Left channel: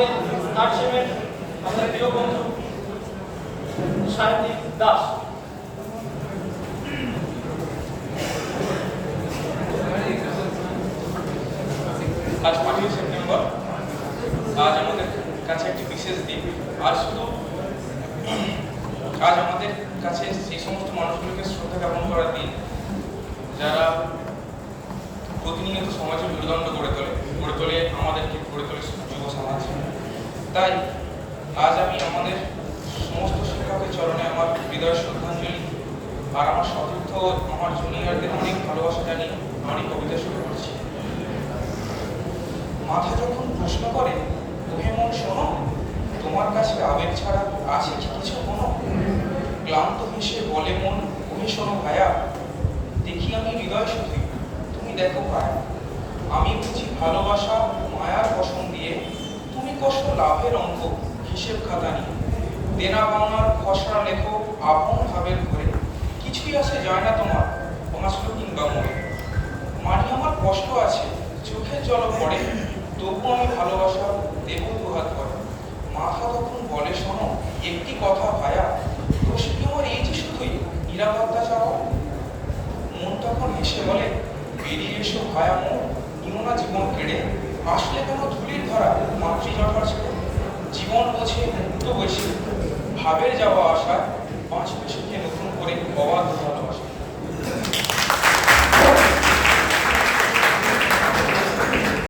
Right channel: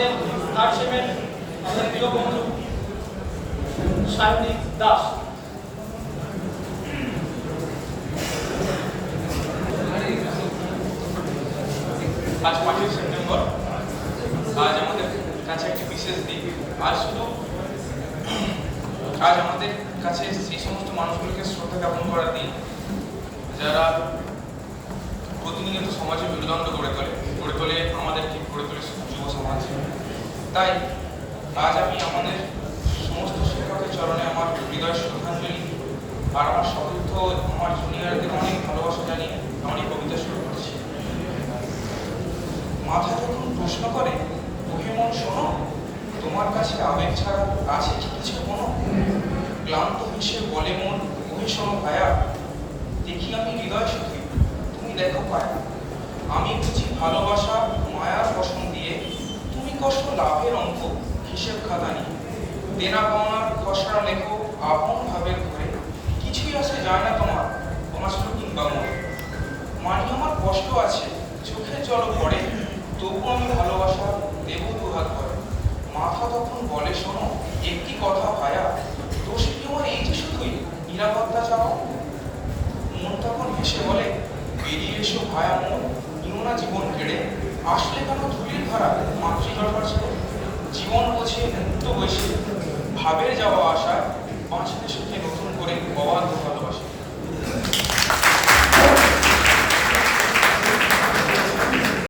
আমাদের থার্ড সেমের আমাদের প্রিয় বন্ধু সায়নিক দাস। আজ 5ই সেপ্টেম্বর। আজ আমাদের কাছে একটি বিশেষ দিন। আজ আমাদের কাছে সেই সমস্ত মানুষগুলোকে শ্রদ্ধা জ্ঞাপন করার দিন যারা প্রতিনিয়ত সমাজের মেরুদণ্ড গড়ে তোলে আমাদেরকে গড়ে তোলে যুব সমাজ। তাই আজ আমি আমাদের সমস্ত শিক্ষকের চরণে আমার হৃদয় শ্রদ্ধাঞ্জলি আর আমার সতীর্থ আমার জুনিয়রদের অনেক ভালোবাসা জানিয়ে আমি কবিতা শুরু করছি। মাথা যখন প্রশ্ন করে তুমি মন শোনো, তোমার কাছে আবেগ ছাড়া আছে কি কিছু কোনো? ক্লান্ত হেসে বলে মন তুমি শোনো ভায়া, দেখি আমি হৃদয় শুধুই, তুমি দেখো পায়া। আমি বুঝি ভালোবাসা মায়ার বসন দিয়ে, তুমি কষ্ট লাভের অঙ্ক হিসেব খাতা নিয়ে। দেনা পাওনার খসড়া লেখো আপন ভাবের ঘরে, কিছুই আসে যায় না তোমার হাসলো কিংবা মনে। মানি আমার কষ্ট আছে, চোখের জল পড়ে, তবু আমি ভালোবাসা দেব দুহাত করে। মাথা তখন বলে শোনো একটি কথা ভায়া, দোষ কি আমার এই যে শুধুই নিরাপত্তা চাও? মন তখন হেসে বলে বেরিয়ে এসো ভায়া মন, নিও না জীবন কেড়ে, আসলে কেন ধুলির ধারা মাতৃজটার ছেড়ে? জীবন বোঝে মুক্ত বোঝে ভাবের যাওয়া আশায়, বাঁচতে সুখে নতুন করে অবাধ ভালো